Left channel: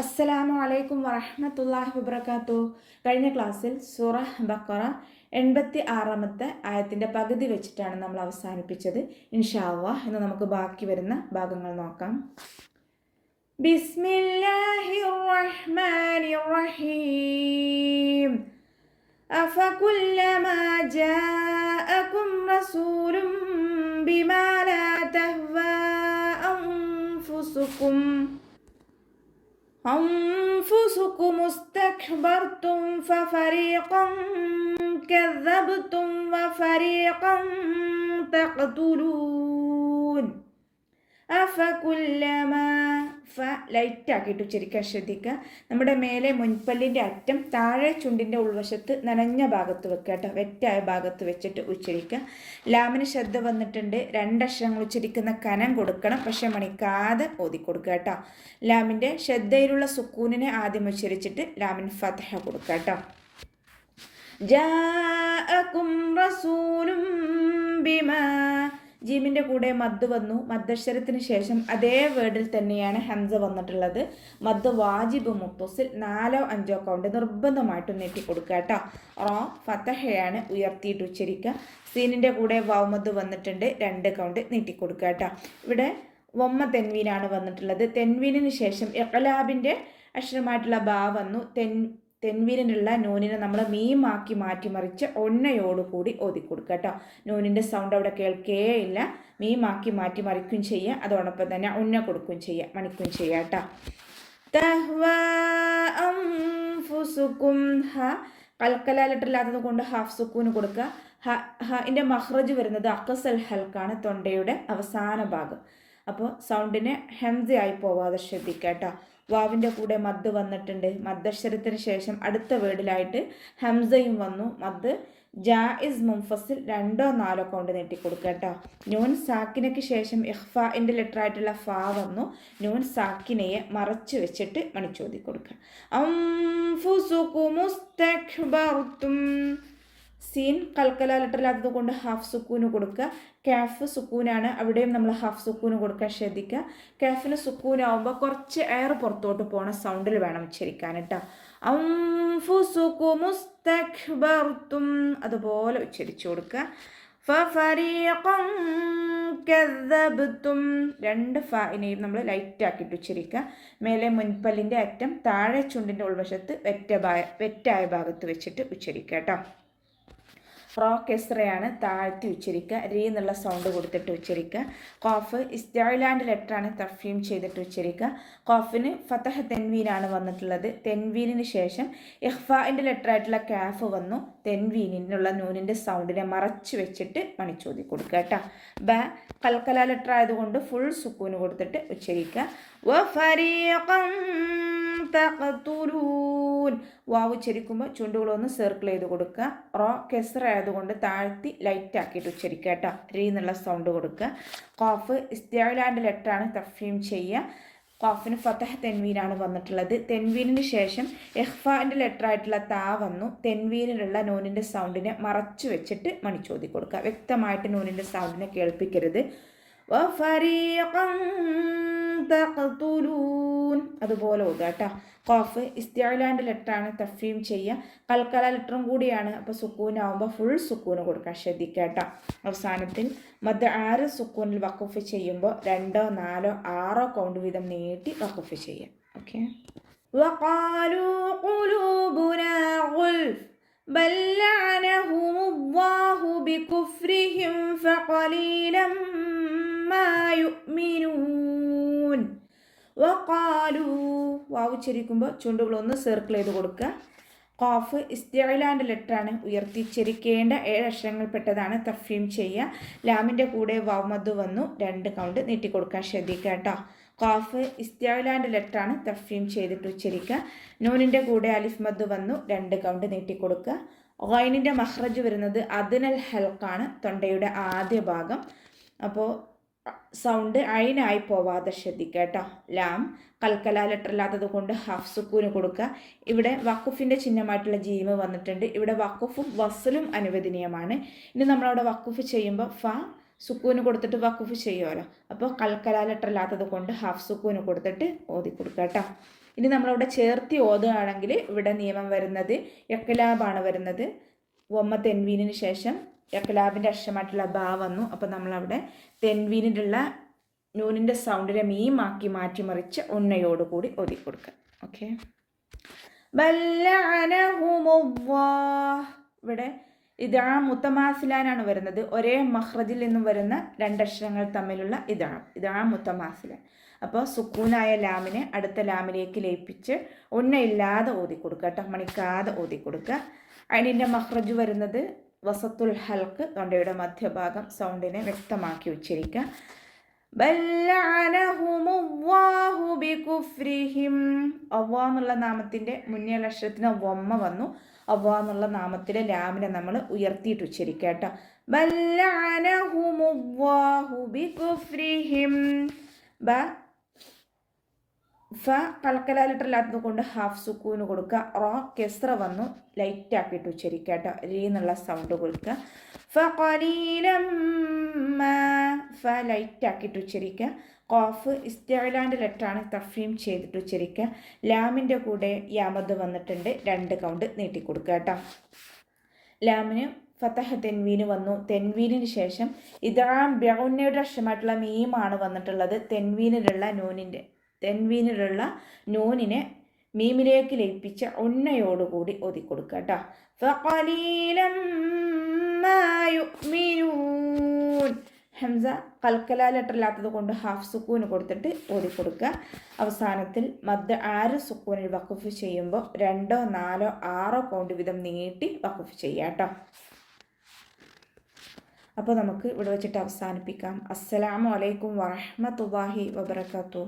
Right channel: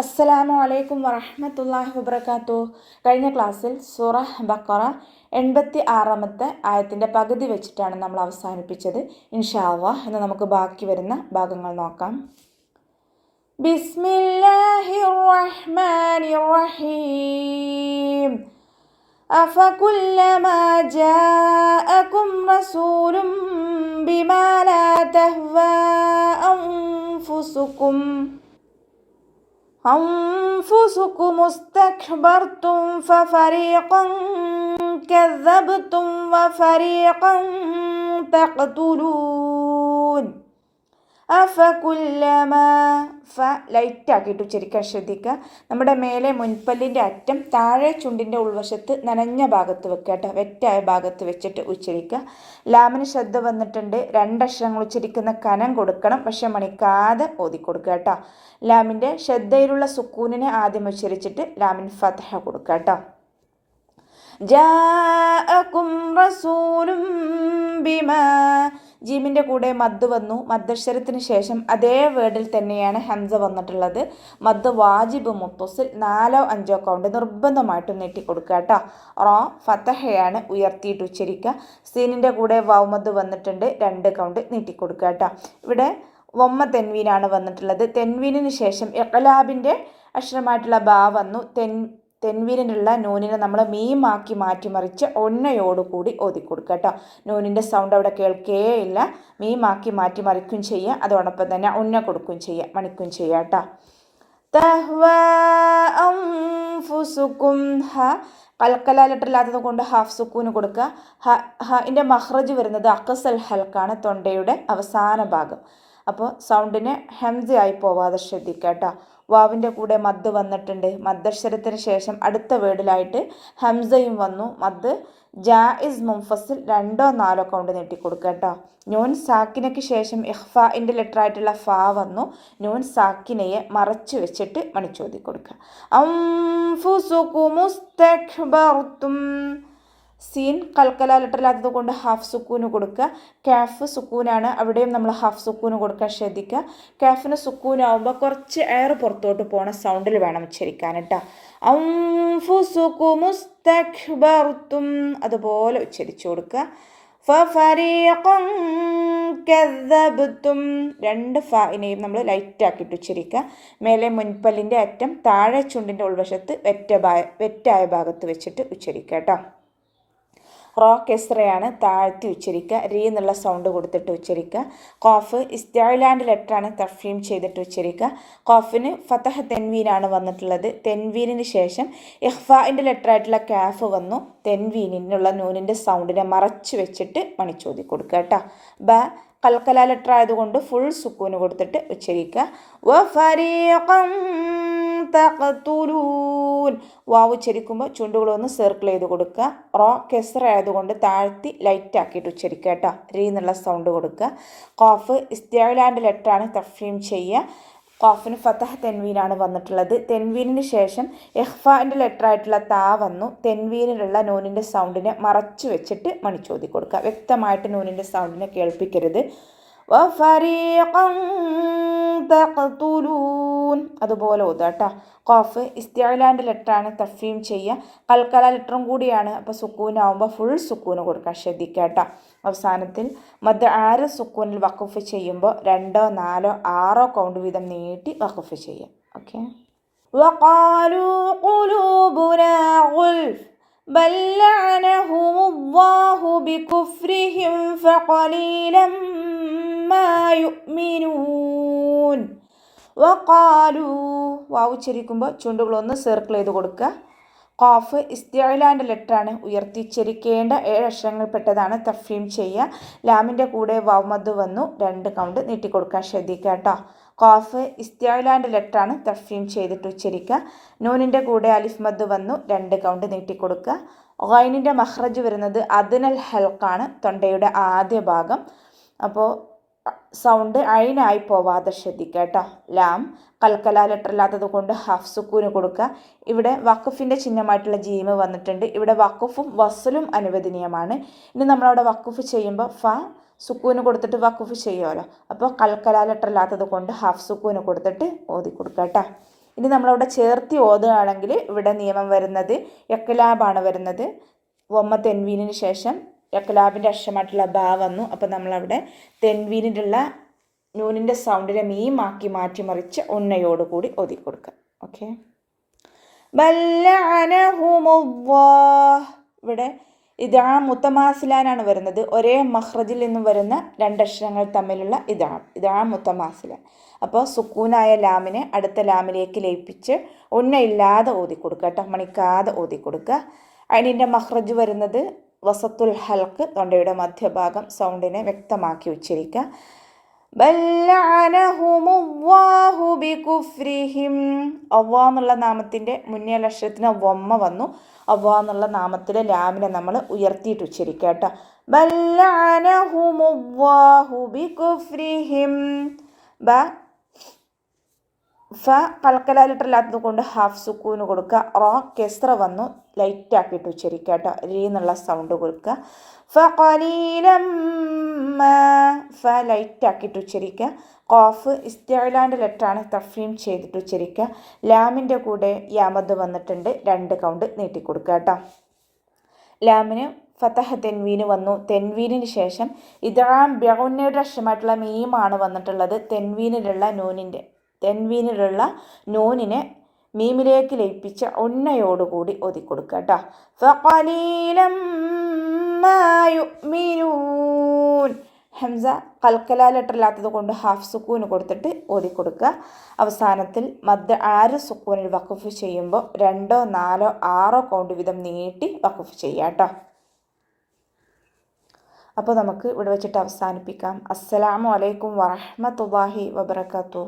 അസ്സലാമു അലൈക്കും വറഹ്മത്തുള്ളാഹി വബറകാതുഹു. കഴിഞ്ഞ ക്ലാസ്സിൽ സൂറ ബഖറ 86-ാമത്തെ ആയത്തിൻ്റെ പകുതി വെച്ചിട്ടാണ് നമ്മൾ അവസാനിപ്പിച്ചത്. ഇൻഷാ അല്ലാഹ് ഇന്ന് നമുക്ക് ബാക്കി വരുന്ന ഭാഗങ്ങൾ നോക്കാം. ബിസ്മില്ലാഹിർ റഹ്മാനിർ റഹീം. അഫകുല്ലമാ ജാഅകും റസൂലും ബിമാ ലാ തഹ്വാ أنفسكم استكبرتم ففريقا كذبتم وفريقا تقتلون أفكلما ലൈറ്റാക്കിയിട്ട് ഉച്ചരിക്കാൻ ശ്രദ്ധിക്കുക. നമ്മുടെ മേലെ മുൻപല്ലിൻ്റെ അറ്റം താഴെ ചുണ്ടിൻ്റെ ഉൾവശത്ത് നനഞ്ഞ ഭാഗത്ത് വെക്കുക കേട്ടോ. വെറ്റായ ഭാഗത്ത് വെച്ചിട്ട് ഉച്ചരിക്കുക. ലാമിന് ശ്രദ്ധ വന്നിട്ടുണ്ട്. രണ്ടക്ഷരങ്ങൾ ഉച്ചരിക്കുന്ന കനം കൊടുക്കണം, പക്ഷെ മണിക്കാതെ ഓതിക്കൊടുക്കുക കേട്ടോ. ലാമിൻ്റെ ശ്രദ്ധയിലുള്ള സുക്കൂനിനെ ആദ്യം ഉച്ചരിച്ചിട്ട് ലാമിന് ഫതഹ കൊടുക്കുക കേട്ടോ. ജാഅകും റസൂലും ബിമാ, ജീമിൻ്റെ കൂടെ മദ് വന്നു. മദ്ദക്ഷരത്തിന് ശേഷം അതേ വേർഡിൽ തന്നെയാണ് ഹംസ വന്നിട്ടുള്ളത്. മദ് വാജിബ് മുത്തസിൽ 4 or 5 കൗണ്ട് നിർബന്ധമായിട്ട് നീട്ടി കൊടുക്കുക കേട്ടോ. റോ ഫതഹയാണ് ഉയർത്തിയിട്ട് ഉച്ചരിക്കുക. സീനിൻ്റെ കൂടെ വൗമദ് വന്നിട്ടുണ്ട്, 2 കൗണ്ട് നീട്ടി കൊടുക്കുക കേട്ടോ. ഇവിടെ വമ്മ തെൻവീനാണ് വന്നിട്ടുള്ളത്. തെൻവീനിന് ശേഷം ഇഖ്ലാബിൻ്റെ അക്ഷരമായിട്ടുള്ള ബാ വന്നു. തെൻവീനിനുള്ള നൂനിനെ നമ്മൾ മീമാക്കി മാറ്റിമറിച്ച് ഒന്നയോടുകൂടി ഓതിക്കൊടുക്കുക കേട്ടോ. നൂനിൻ്റെ സൗണ്ട് അവിടെ കേൾക്കേ ഇല്ല. മീമാക്കി മാറ്റിമറിക്കും ചെയ്യുക, അതോടൊപ്പം തന്നെ ഉന്ന കൊടുക്കുകയും ചെയ്യുക, മണിക്കും ചെയ്യുക കേട്ടോ. തഹ്വാ അൻഫുസുകും, ഹ കൽക്കല ലെറ്ററില്ലാത്തത് കൊണ്ട് ഹാഫ് സുക്കൂന് കൊടുക്കുക. ഇതിൻ്റെ മഹ്റജ് വരുന്നത് അഖ്സൽ ഹൽക്കാണ്, തൊണ്ടയുടെ അവസാന ഭാഗം. അപ്പോൾ സൗണ്ടിന് ഹംസയായി പോവാതെ ശ്രദ്ധിക്കുക കേട്ടോ. വാവിൻ്റെ കൂടെ മദ് വന്നിട്ടുണ്ട്. മദ്ദക്ഷരത്തിന് ശേഷം അടുത്ത വേർഡിലായിട്ട് ഹംസയും വന്നു. മദ് ജായിസ് മുൻഫസിൽ 2 or 4 കൗണ്ട് നീട്ടിക്കൊടുക്കുക കേട്ടോ. നൂൻ സാക്കിനയ്ക്ക് ശേഷം ഇഖ്ഫാഇൻ്റെ ലെറ്ററായിട്ടുള്ള ഫാ വന്നു. നൂൻ സാക്കിനയെ മറച്ചു വെച്ചിട്ട് മണിച്ചോതി കൊടുക്കുക. അൻഫുസുകും മുസ്തക്ബർതും, സീൻ കൽക്കല ലെറ്ററില്ലാത്തത് കൊണ്ട് ഹാഫ് സുക്കൂന് കൊടുക്കുക. കാഫ് സുക്കൂനാണ്, അവിടെയും നമ്മൾ ഹാഫ് സുക്കൂന് കൊടുക്കാൻ ശ്രദ്ധിക്കുക. കാഫിന് സുക്കൂനാവുമ്പോൾ കുറച്ച് എയർ പുറത്തോട്ട് പോണ സൗണ്ടിൽ വേണം ഉച്ചരിക്കാൻ കേട്ടോ. അൻഫുസുകും മുസ്തക്ബർതും അതുപോലെ ഉച്ചരിച്ചു കൊടുക്കുക. ഫഫരീഖൻ കദ്ദബ്തും, 2 ഫാഇനെയും നമ്മൾ ലൈറ്റാക്കിയിട്ട് ഉച്ചരിക്കുക. മേലെ മുൻപല്ലിൻ്റെ അറ്റം താഴെ ചുണ്ടിൻ്റെ ഉൾവശത്ത് വെറ്റായ ഭാഗത്ത് വെച്ചിട്ട് ഉച്ചരിക്കുക കേട്ടോ. റോ കെസ്റയാണ്, താഴ്ത്തി ഉച്ചരിക്കുക. റീ എന്നുള്ള സൗണ്ട് കൊടുത്തിട്ട് ഉച്ചരിക്കുക. ഖാഫ് ഇസ്തിഅലാൻ്റെ ലെറ്ററാണ്, തഫ്ഹീം ചെയ്തിട്ട് ഉച്ചരിക്കുക. ഖാഫിന് ഫതഹ തെൻവീനാണ് വന്നിട്ടുള്ളത്. തെൻവീനിന് ശേഷം ഇഖ്ഫാഇൻ്റെ ലെറ്ററായിട്ടുള്ള കാഫ് വന്നു. തെൻവീനിനുള്ള നൂനിൻ്റെ സൗണ്ടിനെ മറച്ചു വെച്ചിട്ട് മണിച്ചോതി കൊടുക്കുക കേട്ടോ. ബ കൽക്കല ലെറ്റർ ആയതുകൊണ്ട് ഫുൾ സുക്കൂന് കൊടുത്തിട്ട് ഉച്ചരിക്കുക. വഫരീഖൻ തഖ്തുലൂൻ, വാവ് ഉച്ചരിക്കുമ്പോൾ ചുണ്ടുകളൊന്ന് സർക്കിൾ ചെയ്ത് കൊടുക്കുക. റോ കെസ്റ ആയതുകൊണ്ട് താഴ്ത്തി ലൈറ്റാക്കിയിട്ട് ഉച്ചരിക്കുക കേട്ടോ. റീ എന്നുള്ള സൗണ്ട് കൊടുക്കുക. ഖാഫ് ഇസ്തിഅലാൻ്റെ ലെറ്ററാണ്, തഫ്ഹീം ചെയ്യുക. ഖാഫിന് ഫതഹ തെൻവീനാണ് വന്നിട്ടുള്ളത്. തെൻവീനിന് ശേഷം ഇഖ്ഫാഇൻ്റെ ലെറ്ററായിട്ടുള്ള താ വന്നു. തെൻവീനിലുള്ള നൂനിൻ്റെ സൗണ്ടിനെ മറച്ചു വെച്ചിട്ട് മണിച്ചോതി കൊടുക്കുക. വ്യക്തമായിട്ട് നൂനിൻ്റെ സൗണ്ടിനെ കേൾപ്പിക്കരുത്. വഫരീഖൻ തഖ്തുലൂൻ അതുപോലെ ഓതുക കേട്ടോ. ഖാഫ് ഇസ്തിഅലാൻ്റെ ലെറ്ററാണ്, തഫ്ഹീം ചെയ്യുക. കൽക്കല ലെറ്ററും കൂടിയാണ്, അപ്പോൾ സുക്കൂനാവുമ്പോൾ ഫുൾ സുക്കൂന് കൊടുക്കാൻ ശ്രദ്ധിക്കുക കേട്ടോ. അവസാനത്തിൽ മദ് 6 സുക്കൂനിൽ വഖഫ് ചെയ്യുമ്പോൾ 2 or 4 or 6 കൗണ്ട് വീതം നീട്ടി വഖഫ് ചെയ്യുക. ഓക്കെ. വഖാലൂ ഖുലൂബുനാ ഗുൽഫ് ബൽ ലഅനഹുമുല്ലാഹു ബികുഫ്രിഹിം ഫഖലീലൻ മാ യുഅ്മിനൂൻ. വഖാലൂ, വാവ് ഉച്ചരിക്കുമ്പോൾ ചുണ്ടുകളൊന്ന് സർക്കിൾ ചെയ്ത് കൊടുക്കുക. ഖാഫ് ഇസ്തിഅലാൻ്റെ ലെറ്ററാണ്, ഉയർത്തിച്ചരിക്കേണ്ട 7 അക്ഷരങ്ങൾപ്പെട്ടതാണ്, തഫ്ഹീം ചെയ്യുക. ലാമിൻ്റെ കൂടെ വൗമദ് വന്നു, 2 കൗണ്ട് നീട്ടിക്കൊടുക്കാൻ ശ്രദ്ധിക്കുക കേട്ടോ. ഖാഫ് ഇസ്തിഅലാൻ്റെ ലെറ്ററാണ്, തഫ്ഹീം ചെയ്തിട്ട് ഉച്ചരിക്കുക. നൂനിൻ്റെ കൂടെ അലിഫ് മദ് വന്നു, 2 കൗണ്ട് നീട്ടിക്കൊടുക്കുക. ഗൈനിൻ്റെ മഹ്റജ് വരുന്നത് അദ്നൽ ഹൽക്കാണ്, തൊണ്ടയുടെ ആദ്യ ഭാഗം. അപ്പോൾ സൗണ്ട് അയിനായി പോവാതെ ശ്രദ്ധിക്കുക കേട്ടോ. ലാം കൽക്കല ലെറ്ററില്ലാത്തത് കൊണ്ട് ഹാഫ് സുക്കൂന് കൊടുക്കുക. ഇവിടെ വഖഫിൻ്റെ ചിഹ്നമായിട്ടുള്ള ജീമ് വന്നിട്ടുണ്ട്. ഇവിടെ വഖഫും വസ്ലും അനുവദനീയമാണ്. ഇനി നമ്മളവിടെ വഖഫ് ചെയ്യുമ്പോൾ ഫ സുക്കൂന് കൊടുത്തിട്ട് വഖഫ് ചെയ്യുമല്ലോ. അപ്പോൾ കൽക്കല ലെറ്ററില്ലാത്തത് കൊണ്ട് ഹാഫ് സുക്കൂന് കൊടുത്തിട്ട് ഓതി കൊടുക്കുക കേട്ടോ. ഇനി നമ്മളവിടെ ചേർത്തി ഓതുകയാണെങ്കിൽ ഇവിടെ നിയമം വരുന്നത് ഇഖ്ലാബാണ് വരുന്നത്. വമ്മ തെൻവീനിന് ശേഷം ഇഖ്ലാബിൻ്റെ അക്ഷരമായിട്ടുള്ള ബാ വന്നു. അപ്പോൾ നമ്മളവിടെ തെൻവീനിലുള്ള നൂനിൻ്റെ സൗണ്ടിനെ മീമാക്കി മാറ്റിമറിച്ച് ഉണ്ണയോടുകൂടി ഓതി കൊടുക്കുക. ഓക്കെ. ഇവിടെ ഇദാം മുത്തമാസിലാനാണ് വരുന്നത്. ഒരേ മഖ്റജിൽ നിന്നും വരുന്ന രണ്ടക്ഷരങ്ങൾ തമ്മിലുള്ള ഇദാം മുത്തമാസിലാൻ. അപ്പോൾ സുക്കൂനായ ലാമിനെ അടുത്ത ലാമിലേക്ക് ലയിപ്പിച്ച് ഉണ്ണയില്ലാതെ ഓതി കൊടുക്കുക കേട്ടോ, മണിക്കാതെ ഓതി കൊടുക്കുക. അതിൻ്റെ മഖ്റജ് വരുന്നത് വസത്തുൽ ഹൽക്ക്, തൊണ്ടയുടെ മധ്യഭാഗം. സൗണ്ടിനെ വ്യക്തമാക്കി ഉച്ചരിക്കുക. അവ്വാ എന്നുള്ള നാമത്തിൻ്റെ മുന്നേ അക്ഷരത്തിന് വമ്മ വന്നു. അവ്വാ എന്നുള്ള നാമത്തിലെ ലാമിനെ നമ്മൾ ഉയർത്തിയിട്ട് ഉച്ചരിക്കുക കേട്ടോ. ഫ കൽക്കലാലിട്ടല്ലാത്തത് കൊണ്ട് ഹാഫ് സുക്കൂന് കൊടുക്കുക. റോ കെസ്ര വന്നു, ലൈറ്റ് ആക്കിയിട്ട് ഉച്ചരിക്കുക കേട്ടോ. രീ എന്നുള്ള സൗണ്ട് കൊടുക്കുക. ഫ ലൈറ്റ് ആക്കിയിട്ട് ഉച്ചരിക്കുക. ഖാഫ് ഇസ്തിഅലാൻ്റെ ലെറ്ററാണ്, തഫീം ചെയ്തിട്ട് ഉച്ചരിക്കുക. ലാമിൻ്റെ കൂടെ യാമദ് വന്നിട്ടുണ്ട്, 2 കൗണ്ട് നീട്ടിക്കൊടുക്കുക കേട്ടോ. ലാമിന് ഫതഹ തെൻവീന് വന്നു. തെൻവീനിന് ശേഷം ഇദ്ഗാം ബിഗുന്നയുടെ അക്ഷരമായിട്ടുള്ള മീമാണ് വന്നിട്ടുള്ളത്. തെൻവീനിലുള്ള നൂനിനെ മീമിലേക്ക് ലയിപ്പിച്ച ഉണ്ണയോടുകൂടി ഓതി കൊടുക്കുക കേട്ടോ. ഫഖലീലം മാ യുഅ്മിനൂൻ. ഹംസ കൽക്കലാലിട്ടല്ലാത്തത് കൊണ്ട് ഹാഫ് സുക്കൂന് കൊടുത്തിട്ട് ഓതി കൊടുക്കുക. അവസാനത്തിൽ മദ് 6 സുക്കൂനിൽ വഖഫ് ചെയ്യുമ്പോൾ 2, 4, 6 കൗണ്ട് വീതം നീട്ടി വഖഫ് ചെയ്യാം കേട്ടോ. അപ്പോൾ നമുക്ക് ഇവിടെ വെച്ചിട്ട് അവസാനിപ്പിക്കാം. അസ്സലാമു അലൈക്കും വറഹ്മത്തുള്ളാഹി വബറകാതുഹു.